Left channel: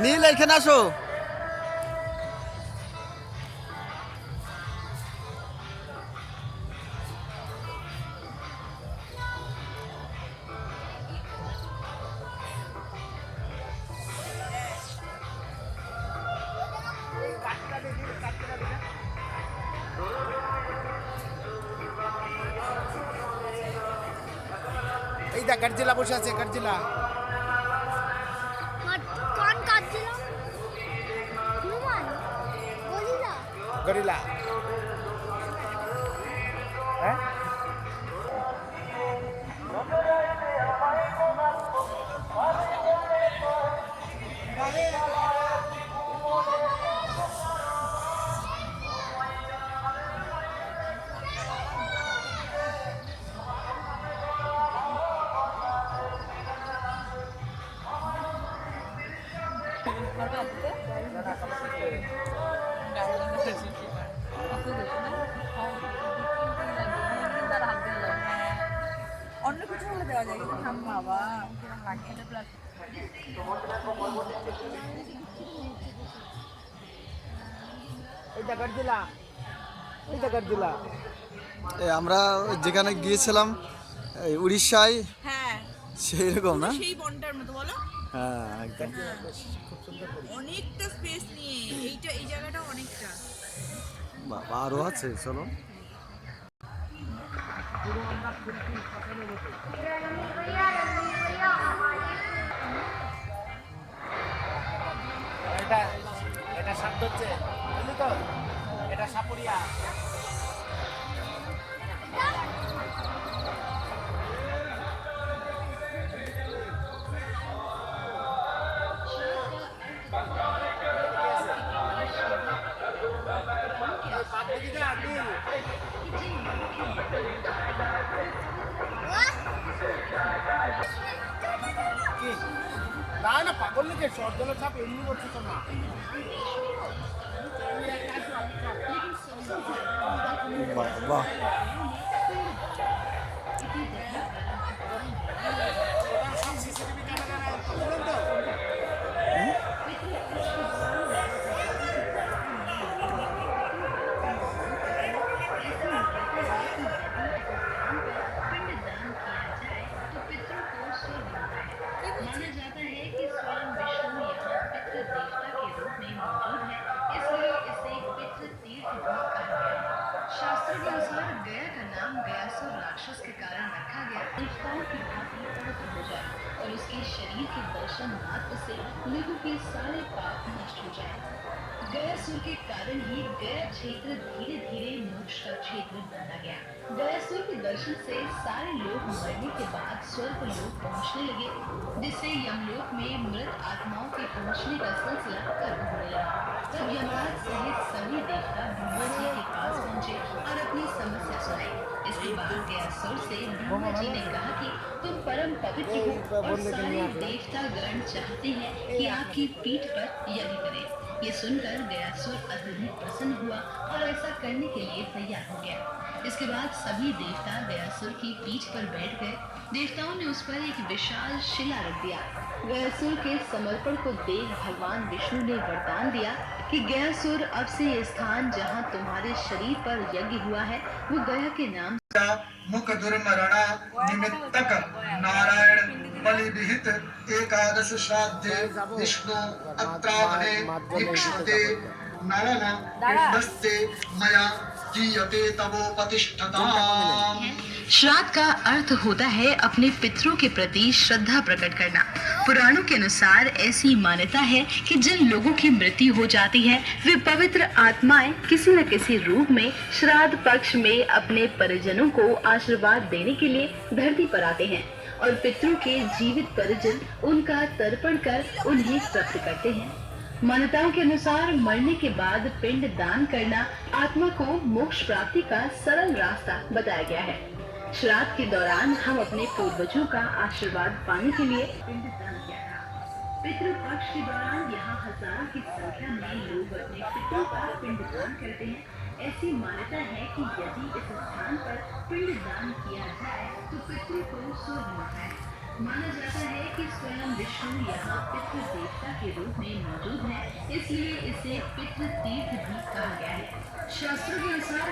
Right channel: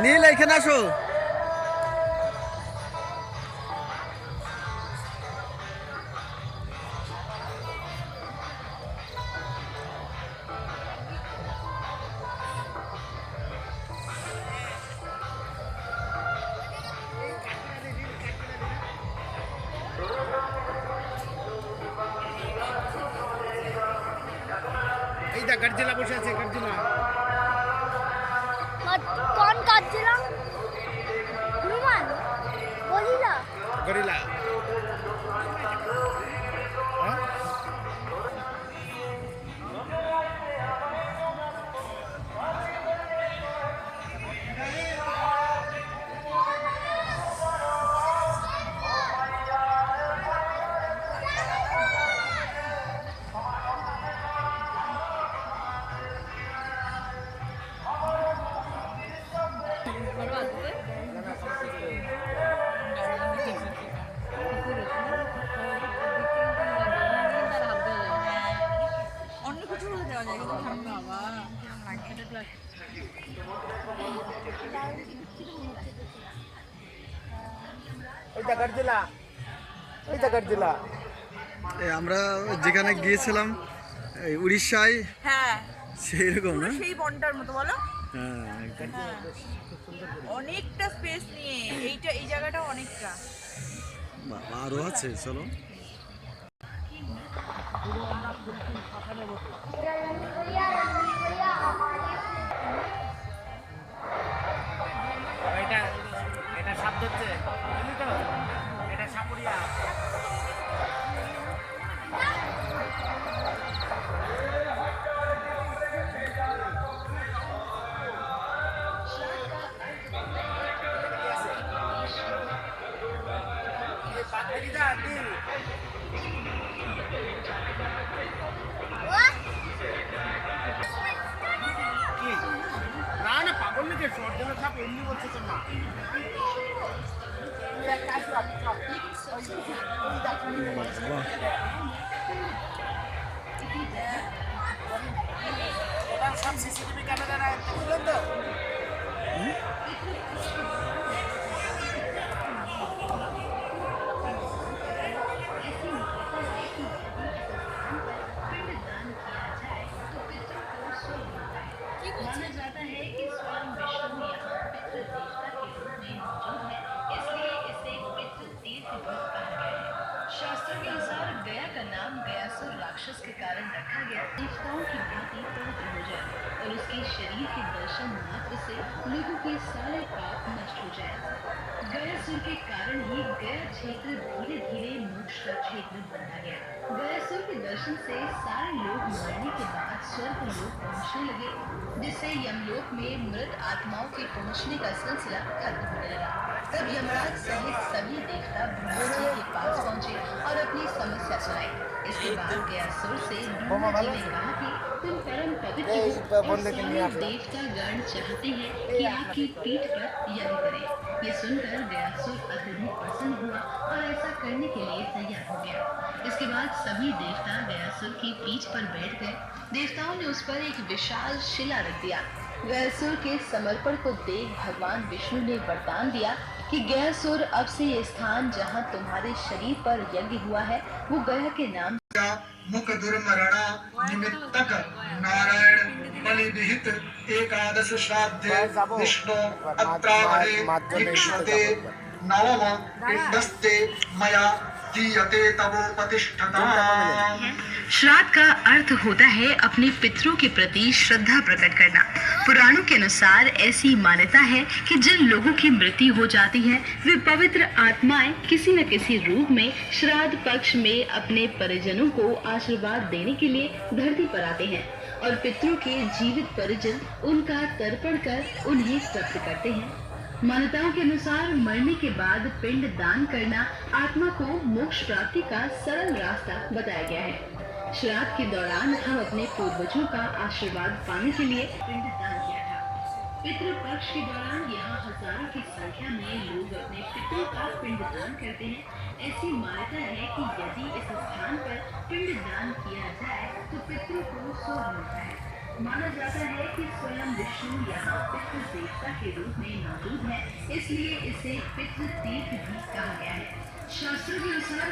নীল এখানে আসো। এই দা গর্জিলা বসে আছে, গর্জিলা। কোন গর্জিলা? হনুমান, গরিলা। গরিলা। হ্যাঁ অন্য কিছু হলে দেওয়া যায় কিন্তু সামনে আবার এইটা গর্জিলা, এইটা গর্জিলা। আমরা যেখানে গিয়েছিলাম এই উড়িষ্যায়, হ্যাঁ সেই রকম না? সেই বনটার মতো বলো। হ্যাঁ একদম। হ্যাঁ অনেকটা স্পেস নিয়ে এই জায়গাটা অনেকটা। বাবা আরো আছে, চলো। এটা এটা শব্দ হচ্ছে, বুঝলি তো? এটা সাপুরিয়া। না না পাগল নাকি, সর্জনের সাপ এমনি করছে তো না। বাবা সব সিসিটিভি ক্যামেরা তুলেন তো। शास्त्रों के अनुसार गया का नाम गयासुर राक्षस के कारण रखा गया। देवताओं की भांति पवित्र हो जाए और उसके शरीर के दर्शन मात्र से लोगों के सारे पाप नष्ट हो जाए। गयासुर के कारण ही गया क्षेत्र धीरे धीरे मोक्ष का क्षेत्र बनता गया। गयासुर के दर्शन से सारे लोग मरने के बाद स्वर्ग लोक पहुंचने लगे, जिससे यमलोक में मृत आत्माओं के पहुंचने का सिलसिला खत्म होने लगा। तब यमराज सहित सभी देवता ब्रह्मा जी के पास पहुंचे और अपनी समस्या सुनाई। इसके बाद गयासुर से ब्रह्मा जी ने कहा कि तुम परम पवित्र हो और सारे देवता गण चाहते हैं कि आपकी पीठ पर यज्ञ करें। ये सुनकर गयासुर अत्यधिक प्रसन्न हुआ और ऐसा करने के लिए तैयार हो गया। इसके बाद सभी देवता गयासुर की पीठ पर बैठ गए। देवताओं ने उस पर एक विशाल शिला रख दिया। गयासुर के समर्पण को देख भगवान विष्णु ने वरदान दिया कि गयासुर अब से ये स्थान जहाँ तुम्हारे शरीर पर यज्ञ हुआ है वो गया के नाम मुख दुर्मरणा निमित्तक नारायण बलि विहित एकादश श्राद्धे विष्णु अत्रावणे इक्ष्वते नवम पिंडस्ते मया जीयते तवोपतिष्ठताम्। श्राद्ध का अर्थ होता है अपने पितरों के प्रति श्रद्धा प्रकट करना। पुराणों के अनुसार ऐसी मान्यता है कि जिन लोगों की मृत्यु हो जाती है वे पवित्र आत्माएं किसी न किसी रूप में श्राद्ध पक्ष में अपने परिजनों को आशीर्वाद देने के लिए धरती पर आते हैं और पितरों के जीवित परिजन उनका तर्पण कर उन्हें तृप्त करते हैं। मान्यताओं के अनुसार मरने के बाद पिंड दान करना आत्मा को मोक्ष प्राप्ति का सरल रास्ता बताया गया है। श्राद्ध के दौरान हम अपने पूर्वजों का आशीर्वाद पाने के लिए पिंड दान किया था। पितृ पक्ष के दौरान यहाँ हजारों की संख्या में लोग अपने पितरों का पिंड दान करते हैं। ऐसी मान्यता है कि यदि इस स्थान पर पिंड दान किया जाए तो पितरों को स्वर्ग मिलता है। माना जाता है कि स्वयं विष्णु यहाँ पितृ देवता के रूप में मौजूद है, इसलिए इसे पितृ तीर्थ भी कहा गया है। शास्त्रों के अनुसार